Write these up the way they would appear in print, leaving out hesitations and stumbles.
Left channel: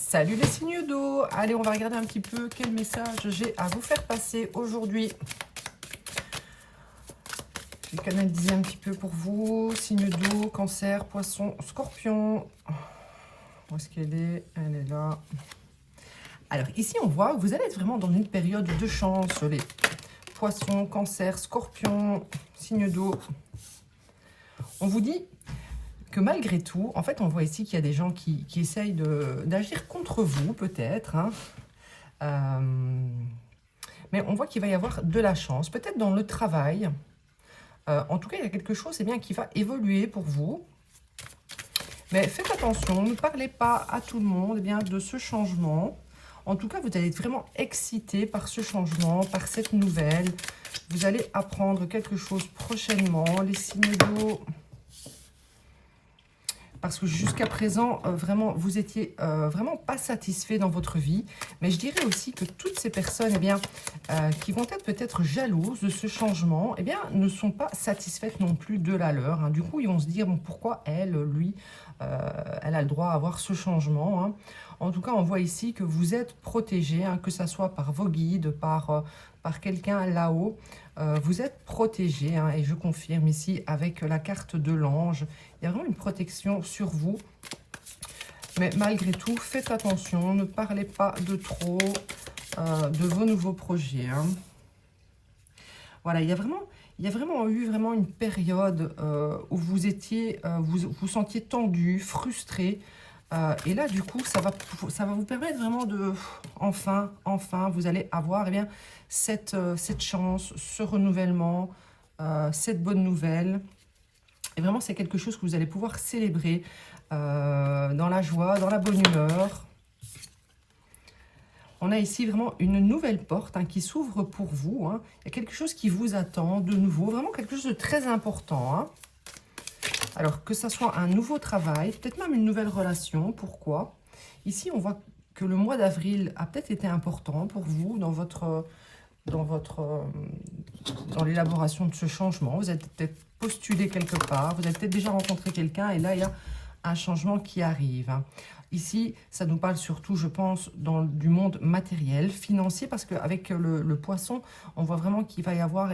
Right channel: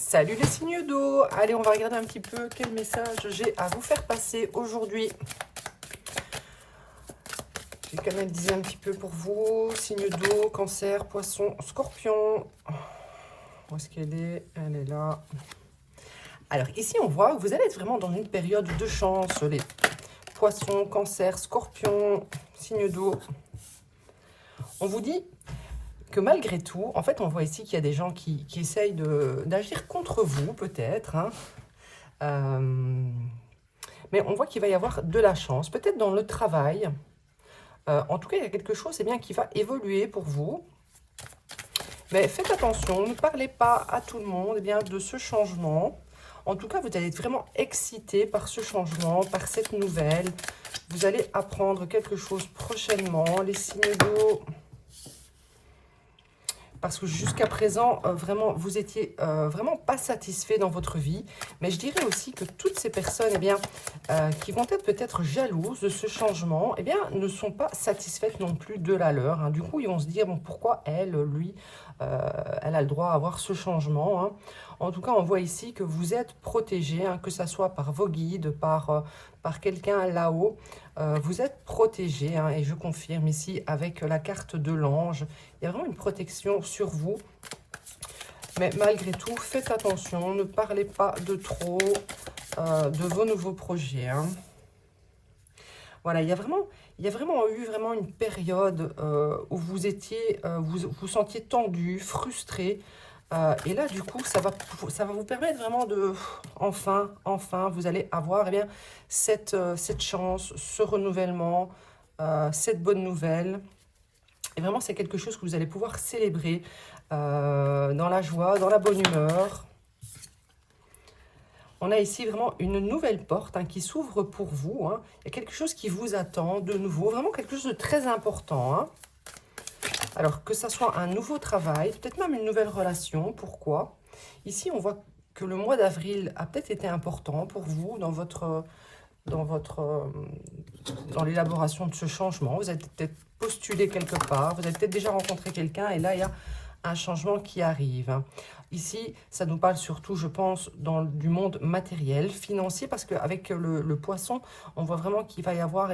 Salut les signes d'eau. Allez, on va regarder un petit peu quel message j'ai à vous faire passer aujourd'hui. Je vais canaliser un petit peu pour vous. Signes d'eau, cancer, poisson, scorpion. Où est-ce qu'elle est? Elle est là. Alors ici, on voit que vous allez être vraiment dans une période de chance. Les poissons, cancer, scorpion, signes d'eau. On vous dit que malgré tout, en fait, on voit ici qu'il y a des gens qui essayent d'agir contre vous, peut-être. Mais on voit qu'il va y avoir de la chance, peut-être dans le travail. En tout cas, il y a quelque chose bien, qui va évoluer pour vous. Mais faites attention, ne parlez pas à tout le monde bien, de ce changement. En tout cas, vous allez être vraiment excité par ce changement, par cette nouvelle. Vous allez apprendre quelque chose prochainement, les signes d'eau. Parce que jusqu'à présent, vraiment, vous étiez vraiment pas satisfait dans votre vie. Mais je dirais aussi que toutes ces personnes qui vont être peut-être jalouses de ce changement, ne sont pas satisfaites non plus de la leur. Du coup, ils vont se dire, bon, pourquoi elle, lui, elle a le droit à avoir ce changement. En tout cas, on voit ici que vous êtes protégé, que ce soit par vos guides, par quelqu'un là-haut. Vous êtes protégé, et je confirme ici avec la carte de l'ange. Il y a vraiment une protection sur vous. Mais malgré tout, faites attention, ne parlez pas de trop de vos nouveaux projets. Voilà, il y a vraiment eu une période où vous étiez, vous sentiez tendu, frustré. Et là, du coup, ça va vous permettre vraiment de, enfin, vous allez avoir cette chance, ce renouvellement, cette bonne nouvelle. Et vraiment, c'est quelque chose que vous allez pouvoir célébrer dans la joie, dans la bonne humeur. On a ici vraiment une nouvelle porte qui s'ouvre pour vous. Il y a quelque chose qui vous attend de nouveau, vraiment quelque chose de très important. Alors, que ce soit un nouveau travail, peut-être même une nouvelle relation. Pourquoi? Ici, on voit que le mois d'avril a peut-être été important pour vous dans l'élaboration de ce changement. Vous êtes peut-être postulé quelque part, vous avez peut-être déjà rencontré quelqu'un et là, il y a un changement qui arrive. Ici, ça nous parle surtout, je pense, du monde matériel, financier, parce qu'avec le poisson, on voit vraiment qu'il va y avoir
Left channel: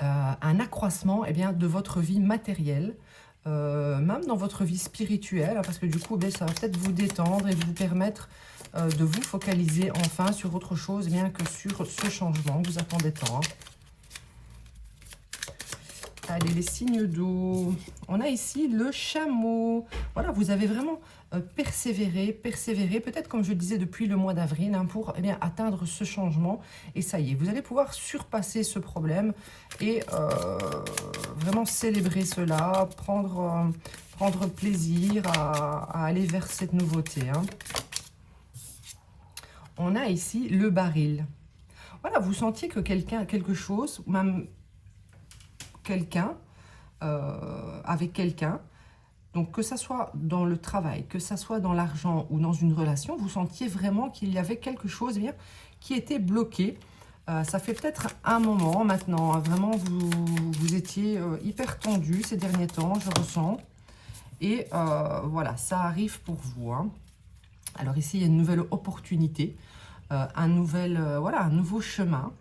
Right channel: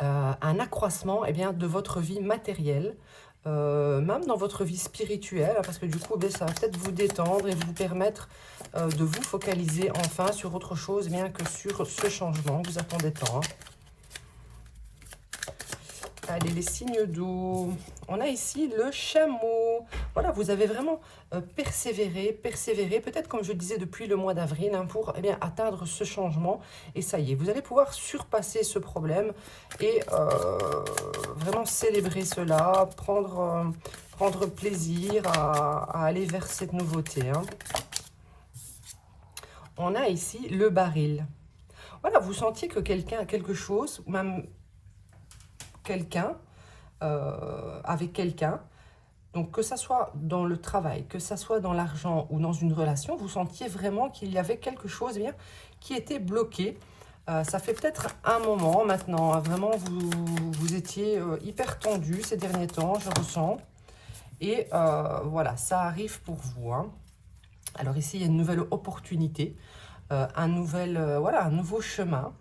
un accroissement de votre vie matérielle, même dans votre vie spirituelle, parce que du coup, ça va peut-être vous détendre et vous permettre de vous focaliser enfin sur autre chose que sur ce changement que vous attendez tant. Allez, les signes d'eau. On a ici le chameau. Voilà, vous avez vraiment persévéré, peut-être comme je le disais depuis le mois d'avril, pour atteindre ce changement. Et ça y est, vous allez pouvoir surpasser ce problème et vraiment célébrer cela, prendre plaisir à aller vers cette nouveauté. On a ici le baril. Voilà, vous sentiez que quelque chose, même quelqu'un, avec quelqu'un, donc que ça soit dans le travail, que ça soit dans l'argent ou dans une relation, vous sentiez vraiment qu'il y avait quelque chose qui était bloqué. Ça fait peut-être un moment maintenant, vraiment vous étiez hyper tendu ces derniers temps, je ressens. Et voilà, ça arrive pour vous. Alors ici, il y a une nouvelle opportunité, un nouveau chemin.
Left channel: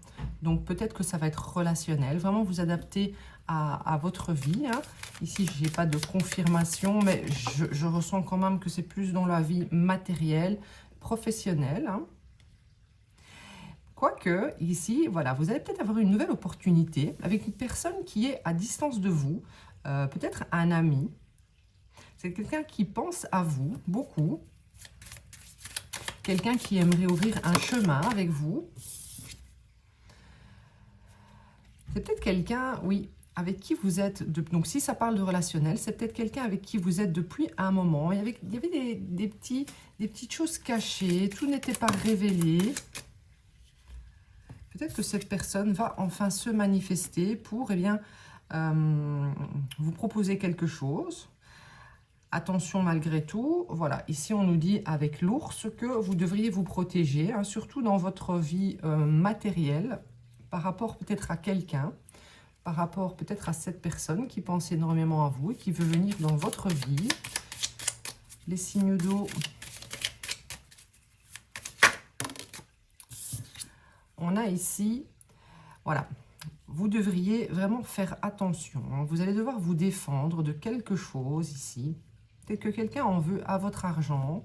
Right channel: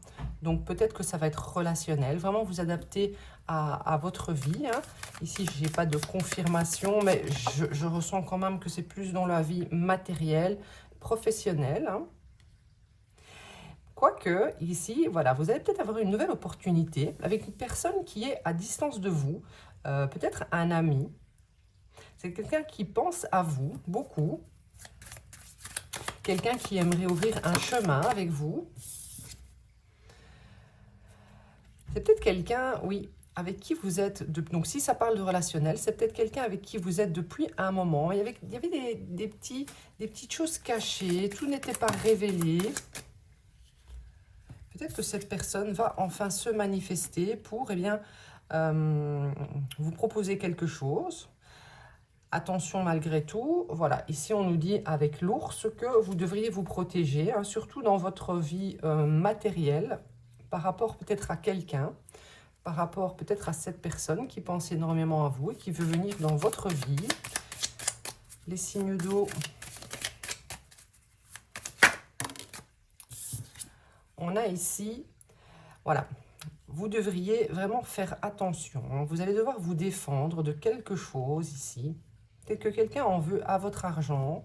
Donc peut-être que ça va être relationnel, vraiment vous adapter à votre vie. Ici, je n'ai pas de confirmation, mais je ressens quand même que c'est plus dans la vie matérielle, professionnelle. Quoique, ici, voilà, vous allez peut-être avoir une nouvelle opportunité avec une personne qui est à distance de vous, peut-être un ami. C'est quelqu'un qui pense à vous beaucoup, quelqu'un qui aimerait ouvrir un chemin avec vous. C'est peut-être quelqu'un, oui, avec qui vous êtes, donc si ça parle de relationnel, c'est peut-être quelqu'un avec qui vous êtes depuis un moment. Il y avait des petites choses cachées, tout n'était pas révélé. Peut-être que cette personne va enfin se manifester pour vous proposer quelque chose. Attention malgré tout, voilà, ici on nous dit avec l'ours que vous devriez vous protéger, surtout dans votre vie matérielle, par rapport peut-être à quelqu'un, par rapport peut-être à cette personne qui pense énormément à vous et qui veut venir dans votre vie. Les signes d'eau. a ici, voilà, vous devriez vraiment faire attention. Hein. Vous allez devoir vous défendre de quelque chose ici. Peut-être que quelqu'un en veut à votre argent,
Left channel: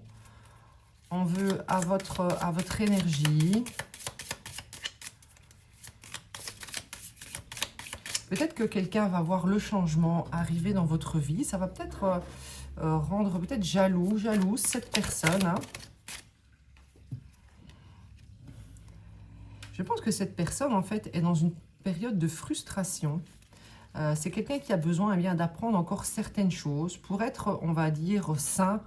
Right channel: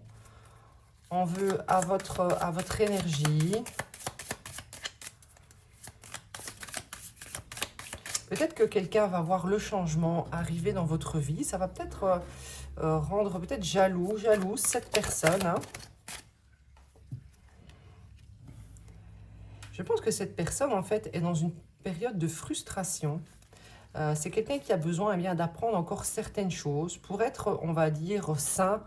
en veut à votre énergie. Peut-être que quelqu'un va voir le changement arriver dans votre vie. Ça va peut-être rendre peut-être jalouse cette personne. Hein. Je pense que cette personne, en fait, est dans une période de frustration. C'est quelqu'un qui a besoin d'apprendre encore certaines choses pour être, on va dire, sain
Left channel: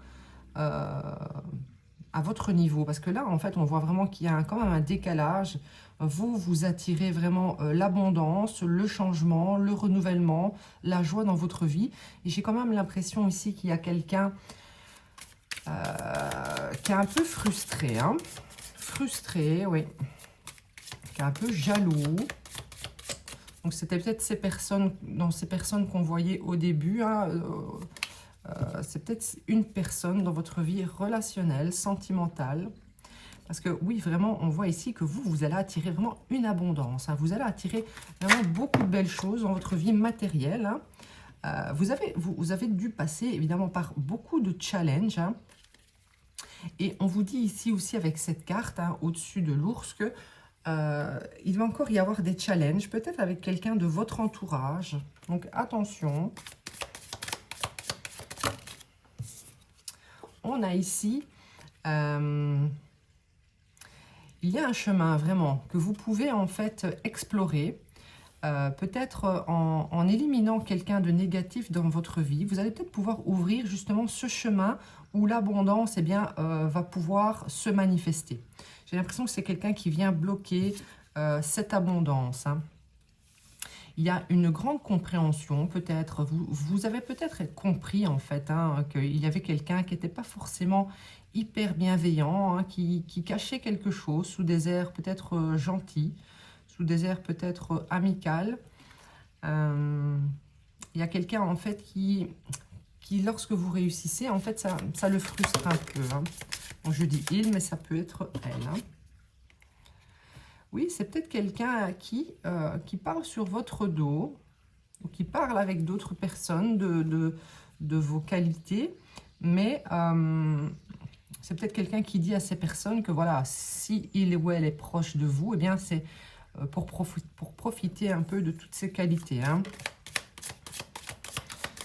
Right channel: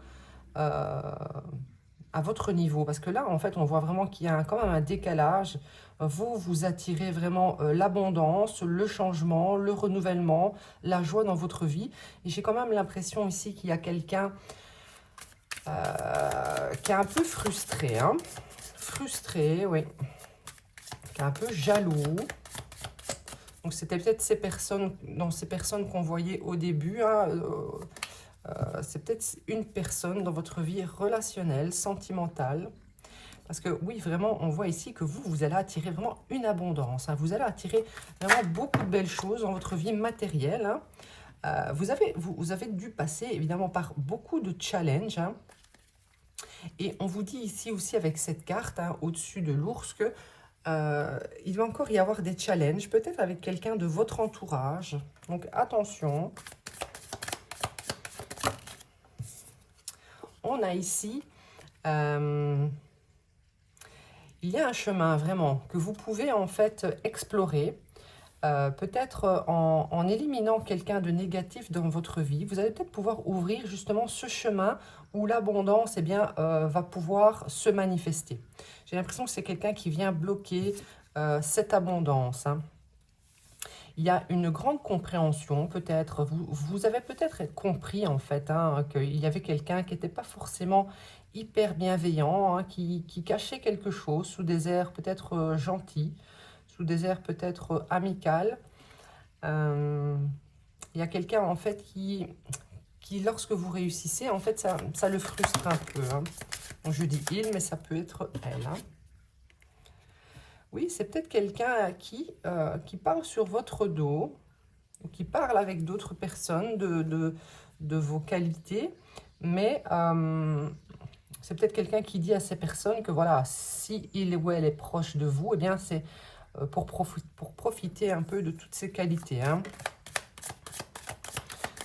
à votre niveau. Parce que là, en fait, on voit vraiment qu'il y a quand même un décalage. Vous attirez vraiment l'abondance, le changement, le renouvellement, la joie dans votre vie. Et j'ai quand même l'impression ici qu'il y a quelqu'un qui est un peu frustré. Hein. Frustré, oui. Qui est un peu jaloux. Donc, c'était peut-être ces personnes qu'on voyait au début. Hein, c'est peut-être une personne dans votre vie relationnelle, sentimentale. Parce que oui, vraiment, on voit ici que vous allez attirer vraiment une abondance. Hein. Vous allez attirer vraiment beaucoup de belles choses dans votre vie matérielle. Hein. Vous avez dû passer évidemment par beaucoup de challenges. Hein. Et on vous dit ici aussi avec cette carte, hein, au-dessus de l'ours, que il va encore y avoir des challenges, peut-être avec quelqu'un de votre entourage. Donc attention. On a ici, il y a un chemin vraiment que vous pouvez en fait explorer, peut-être en éliminant quelqu'un de négatif dans votre vie. Vous allez peut-être pouvoir ouvrir justement ce chemin où l'abondance va pouvoir se manifester. J'ai l'impression que c'est quelqu'un qui vient bloquer cette abondance. Hein. Il y a une grande compréhension, peut-être. Vous avez peut-être compris, en fait, hein, qu'il y avait quelqu'un qui n'était pas forcément hyper bienveillant, hein, qui cachait quelque chose sous des airs peut-être gentils, sous des airs peut-être amicales. Il y a quelqu'un, en fait, qui, lorsque vous réussissez, en fait, ça le frustre un peu. Hein. Donc, je dis il, mais ça peut être elle. Hein. Oui, c'est peut-être quelqu'un qui parle sur votre dos, ou qui parle avec d'autres personnes de vos qualités, mais c'est peut-être quelqu'un qui dit à ces personnes que voilà, si il ou elle est proche de vous, eh bien c'est pour profiter un peu de toutes ces qualités. Hein.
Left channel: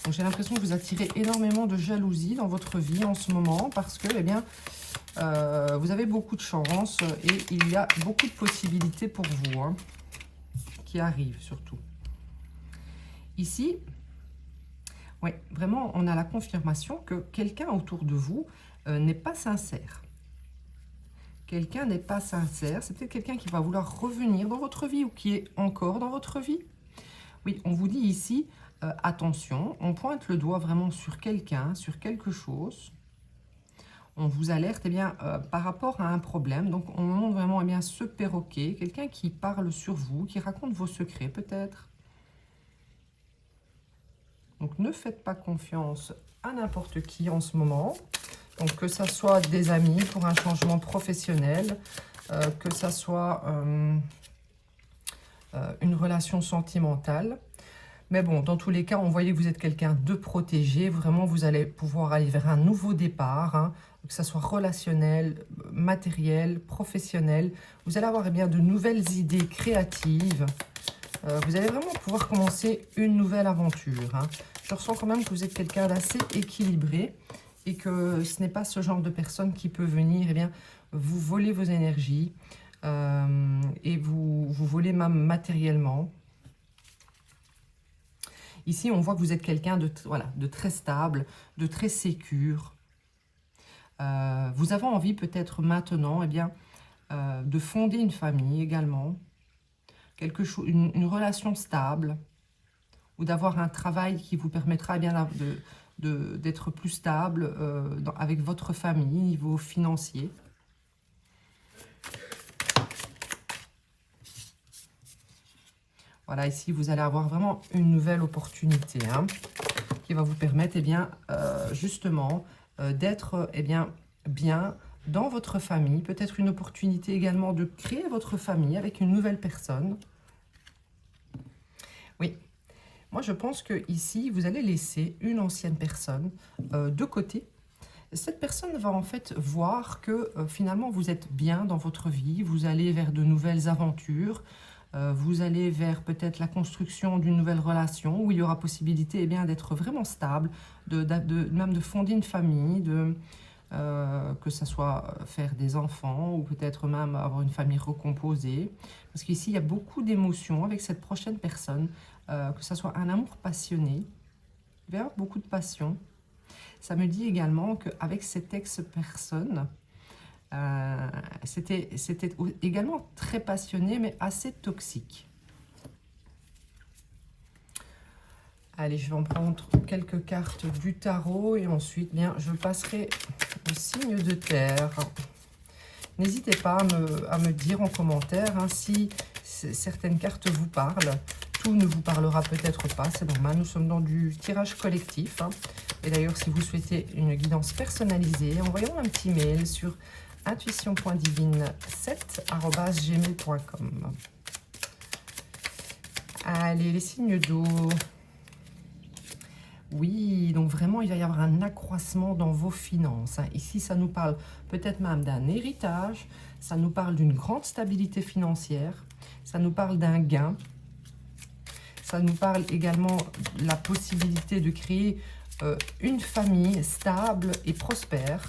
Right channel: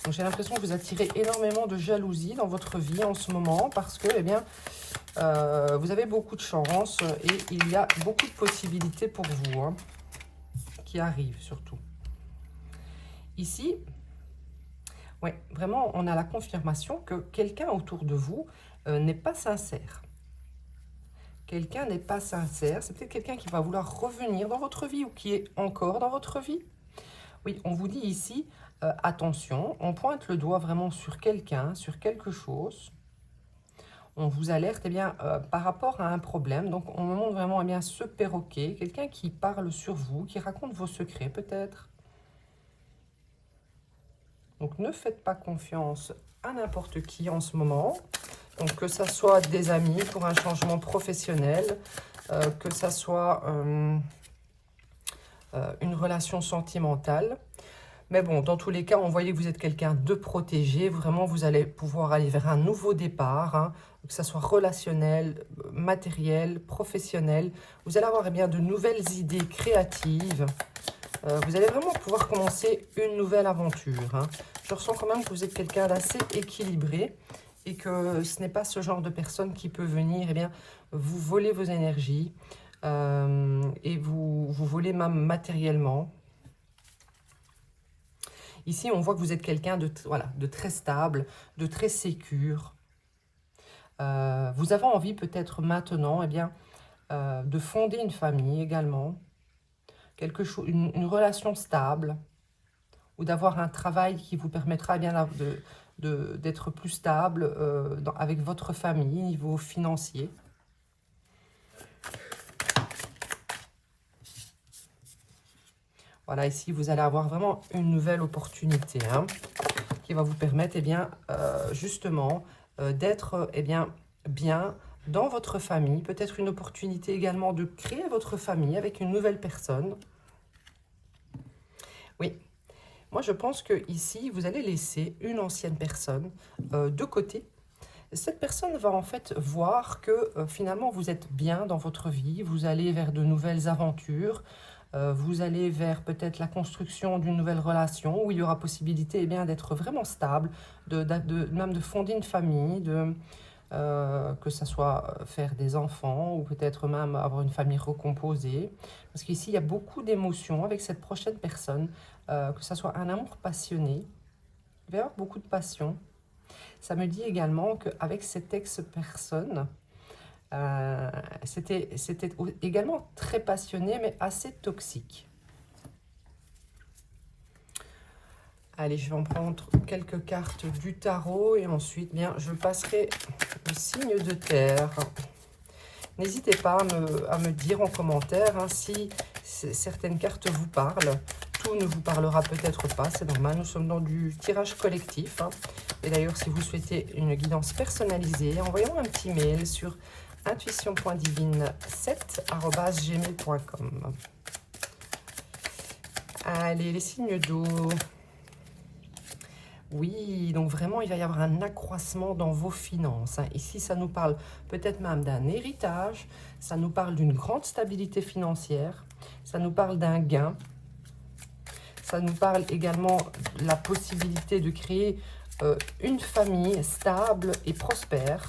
Donc j'ai l'impression que vous attirez énormément de jalousie dans votre vie en ce moment, parce que, eh bien, vous avez beaucoup de chance et il y a beaucoup de possibilités pour vous, hein, qui arrivent surtout. Ici, oui, vraiment, on a la confirmation que quelqu'un autour de vous n'est pas sincère. Quelqu'un n'est pas sincère. C'est peut-être quelqu'un qui va vouloir revenir dans votre vie ou qui est encore dans votre vie. Oui, on vous dit ici, attention, on pointe le doigt vraiment sur quelqu'un, sur quelque chose. On vous alerte par rapport à un problème. Donc, on vous montre vraiment ce perroquet, quelqu'un qui parle sur vous, qui raconte vos secrets peut-être. Donc, ne faites pas confiance à n'importe qui en ce moment. Donc, que ce soit des amis pour un changement professionnel, que ce soit une relation sentimentale. Mais bon, dans tous les cas, on voyait que vous êtes quelqu'un de protégé. Vraiment, vous allez pouvoir aller vers un nouveau départ, hein, que ce soit relationnel, matériel, professionnel. Vous allez avoir de nouvelles idées créatives. Vous allez vraiment pouvoir commencer une nouvelle aventure. Hein. Je ressens quand même que vous êtes quelqu'un d'assez équilibré et que ce n'est pas ce genre de personne qui peut venir vous voler vos énergies et vous voler même matériellement. Ici, on voit que vous êtes quelqu'un de très stable, de très sécure. Vous avez envie peut-être maintenant de fonder une famille également, une relation stable, ou d'avoir un travail qui vous permettra d'être plus stable avec votre famille, niveau financier. Voilà, ici, vous allez avoir vraiment une nouvelle opportunité qui va vous permettre, justement, d'être bien dans votre famille, peut-être une opportunité également de créer votre famille avec une nouvelle personne. Oui, moi je pense que ici vous allez laisser une ancienne personne de côté. Cette personne va en fait voir que finalement vous êtes bien dans votre vie, vous allez vers de nouvelles aventures, vous allez vers peut-être la construction d'une nouvelle relation où il y aura possibilité eh bien, d'être vraiment stable, même de fonder une famille, que ce soit faire des enfants ou peut-être même avoir une famille recomposée. Parce qu'ici, il y a beaucoup d'émotions avec cette prochaine personne, que ce soit un amour passionné, il va y avoir beaucoup de passion. Ça me dit également qu'avec cette ex-personne, c'était également très passionné, mais assez toxique. Allez, je vais en prendre quelques cartes du tarot et ensuite, bien, je passerai le signe de terre. N'hésitez pas à me dire en commentaire hein, si certaines cartes vous parlent. Tout ne vous parlera peut-être pas, c'est normal, nous sommes dans du tirage collectif. Hein. Et d'ailleurs, si vous souhaitez une guidance personnalisée, envoyez-moi un petit mail sur intuition.divine7@gmail.com. Allez, les signes d'eau. Oui, donc vraiment, il va y avoir un accroissement dans vos finances. Hein. Ici, ça nous parle peut-être même d'un héritage, ça nous parle d'une grande stabilité financière, ça nous parle d'un gain, ça nous parle également de la possibilité de créer une famille stable et prospère.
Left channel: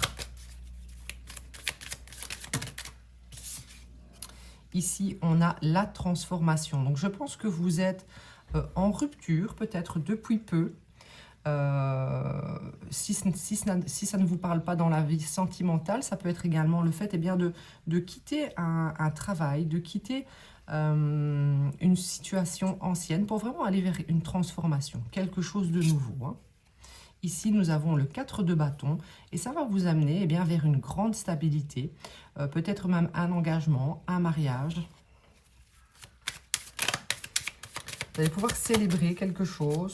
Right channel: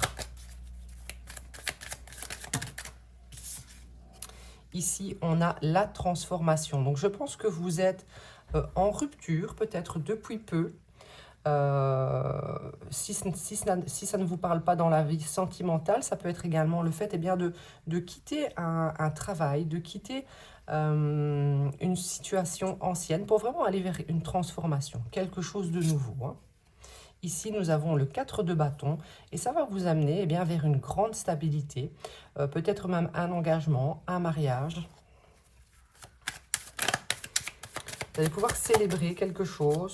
Ici, on a la transformation. Donc, je pense que vous êtes en rupture, peut-être depuis peu. Si ça ne vous parle pas dans la vie sentimentale, ça peut être également le fait eh bien, de quitter un travail, de quitter une situation ancienne pour vraiment aller vers une transformation, quelque chose de nouveau. Hein. Ici, nous avons le 4 de bâton et ça va vous amener eh bien, vers une grande stabilité, peut-être même un engagement, un mariage. Vous allez pouvoir célébrer quelque chose.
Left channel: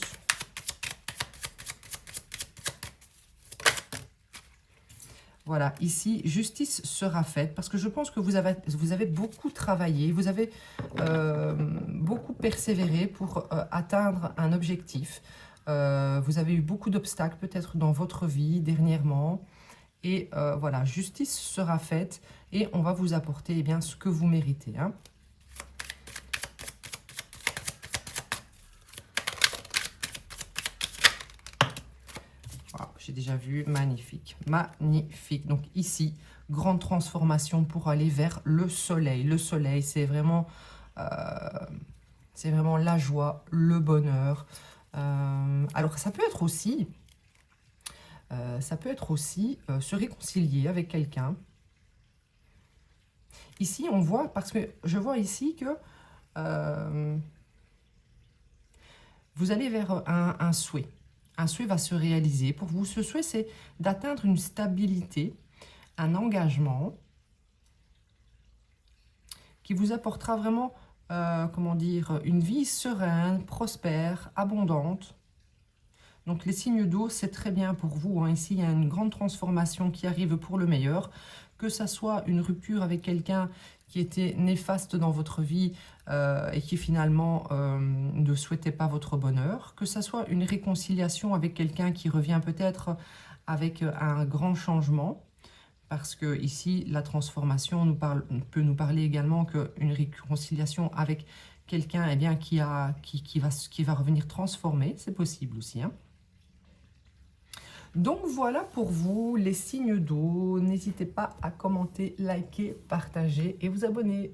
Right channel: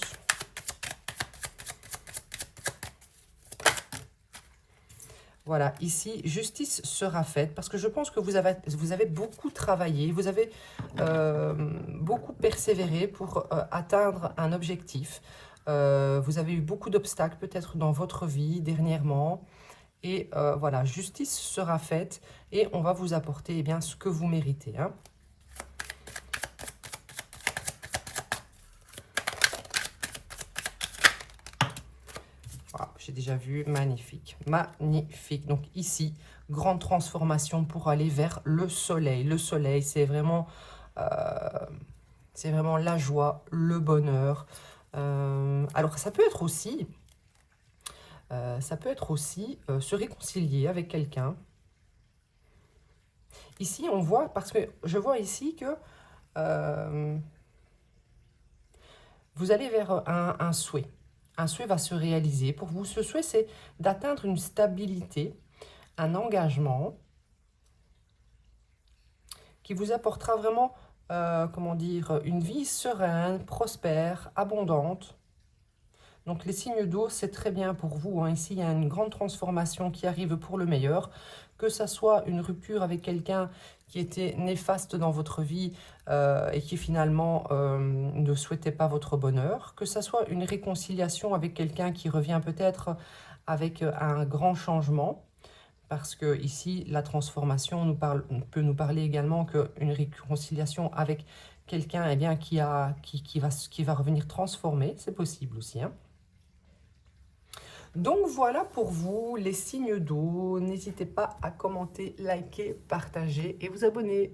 Voilà, ici, justice sera faite parce que je pense que vous avez beaucoup travaillé, vous avez beaucoup persévéré pour atteindre un objectif. Vous avez eu beaucoup d'obstacles peut-être dans votre vie dernièrement. Et voilà, justice sera faite et on va vous apporter eh bien, ce que vous méritez. Hein. J'ai déjà vu, magnifique, magnifique. Donc ici, grande transformation pour aller vers le soleil. Le soleil, c'est vraiment la joie, le bonheur. Alors ça peut être aussi, se réconcilier avec quelqu'un. Ici, on voit, parce que je vois ici que vous allez vers un souhait. Un souhait va se réaliser. Pour vous, ce souhait, c'est d'atteindre une stabilité, un engagement qui vous apportera vraiment, comment dire, une vie sereine, prospère, abondante. Donc les signes d'eau, c'est très bien pour vous. Hein. Ici, il y a une grande transformation qui arrive pour le meilleur. Que ça soit une rupture avec quelqu'un qui était néfaste dans votre vie et qui finalement ne souhaitait pas votre bonheur. Que ça soit une réconciliation avec quelqu'un qui revient peut-être avec un grand changement. Parce que ici, la transformation peut nous parler également qu'une réconciliation avec quelqu'un eh bien, qui va revenir transformé, c'est possible aussi. Hein. Donc voilà pour vous les signes d'eau. N'hésitez pas à commenter, liker, partager et vous abonner.